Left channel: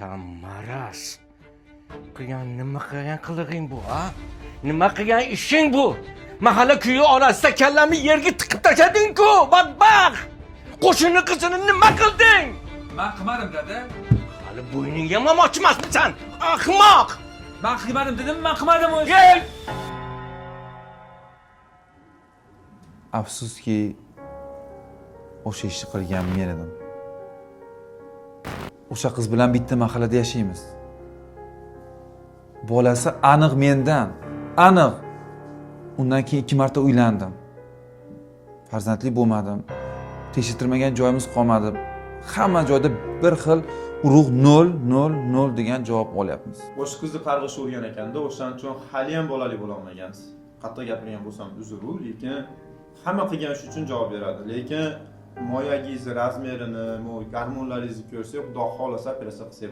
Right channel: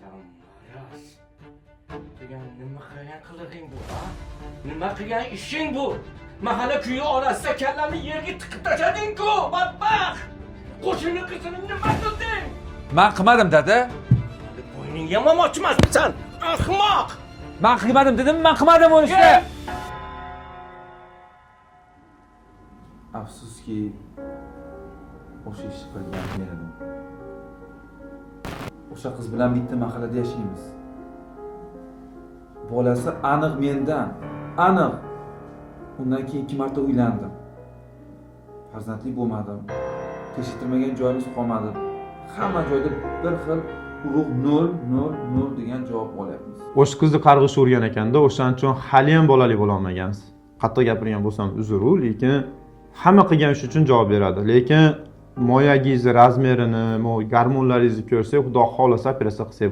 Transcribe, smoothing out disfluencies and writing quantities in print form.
Sen maraz. Nima qilgan qilig'ing bu, ha? Nima qilgan ishing bu? Mahalla kuyi orasida kallamni yerga tiqib tashlading-ku, badbaxt! Qo'shni qizini nima qilding? Men qilmadim, dada. Hali bo'yningga yamoqchi emasmisan, ahmoq! Men qilmadim dedim, men qilmadim uni işte. Afsuski, o'sha ishni qilgan men edim. O'sha qiz bilan bitta mahallada yashaymiz. Bolasi aniq mendan, aniq. Undan keyin 2 marta uylandim. Farzandli bo'lmadim. Tekshirtirmagan joyimiz qolmadi. Hamma joyda bir xil urug' 0 degan javob olyapmiz. O'sha qizni qarg'ish urgan ekanda, o'shaning uchun hali ham bolali bo'la olmagansiz. Qattiq gapirgan bo'lsam uzr-u, lekin hamma qilgan ish uchun javob beradi. Lekin moyagingizni razmerini, garmonlaringizni ko'rsak, xudo xolasa operatsiya qilsak